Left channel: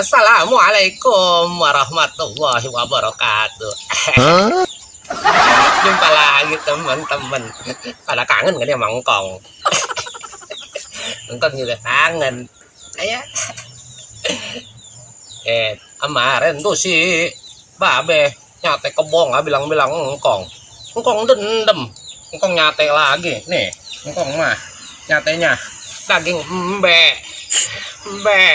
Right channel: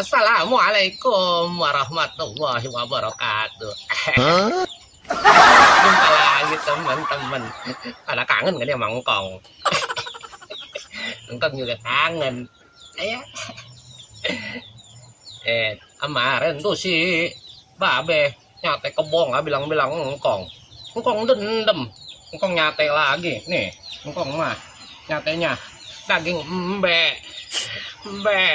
Assalamualaikum warahmatullahi wabarakatuh. Jumpa lagi teman-teman. Pada kangen gak dia Mangkong? Mangkong juga kangen. Ayah. Kemarin tuh si Babe nyate kebong bilang-bilang Engkong. Engkong dendem. Engkong nyate lagi. Nih, Engkong mah nyatenya daging embe. Embe.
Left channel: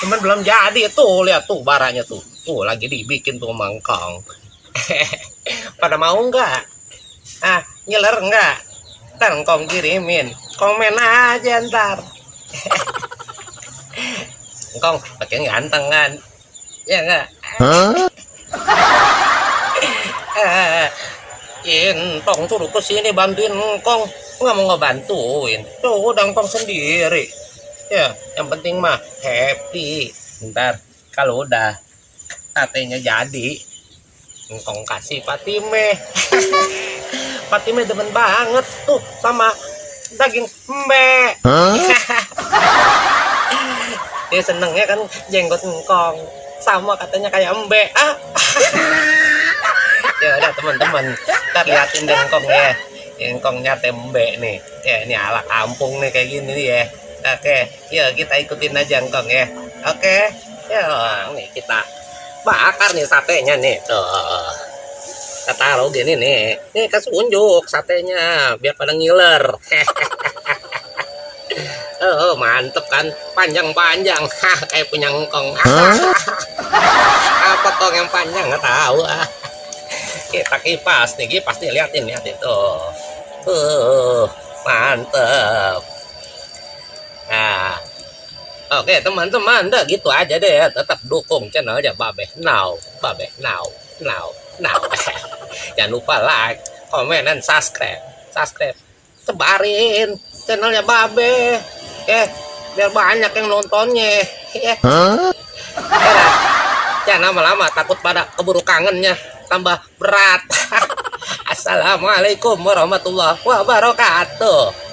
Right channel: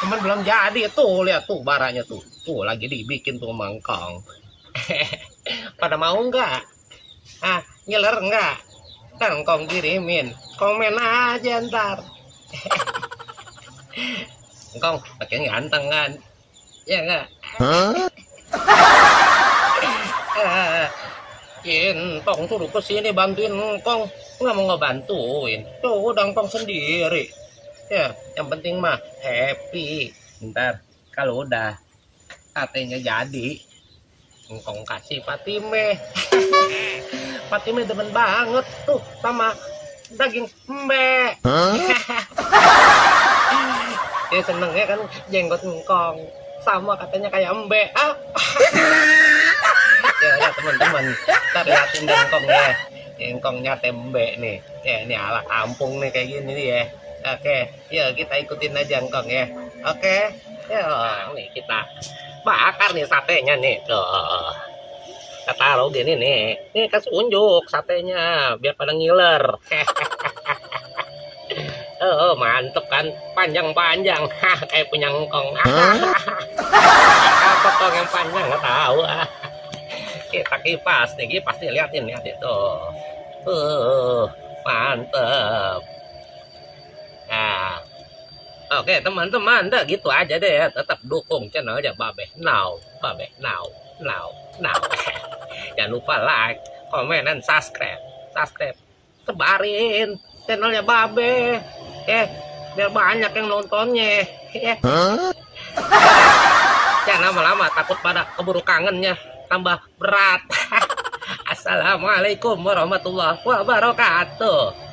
Cuman belum jadi tuh, lihat tuh baranya tuh lagi dibikin tuh Mangkong. Pada mau nggak nyeler nggak? Kan Kong kirimin, komen aja ntar. Kong pakai ganteng kan, ya nggak? Tong suruh kesini bantuin Kong, nggak mau ngebantuin, tuh udah Kong sendiri. Ya, yang penting mah happy. Ntar kalau udah satenya jadi, Kong kasih Fatime. Fatime demen banget tuh sama daging embe. Dia senengnya kan jenggot Engkong sama katanya kayak embe. Ya udah teman-teman, kita liatin deh Engkong ya. Engkong nyate embe nih. Ya ini ala kampung nih kayak gini nih ya. Oke, yuk kita ikutin aja Engkong ya. Oke, yuk nih kita bakar nih satenya nih. Tuh, kita taruh gini nih. Nih kasih unjuk satenya biar pada ngiler. Oh mantep kan, panjang-panjang, kayak punya Engkong. Apa Kong yang panjang nggak tahu. Kita kipas nih liatin tuh. Mantep. Nah, oke teman-teman, dah gitu aja deh. Tetap dukung channelnya Babe Now. Jangan lupa like, komen, dan subscribe. Sebarin channelnya Babe, biar banyak yang nontonnya. Jangan lama-lama, takut pada keburu kangennya tambah berat. Assalamualaikum warahmatullahi wabarakatuh.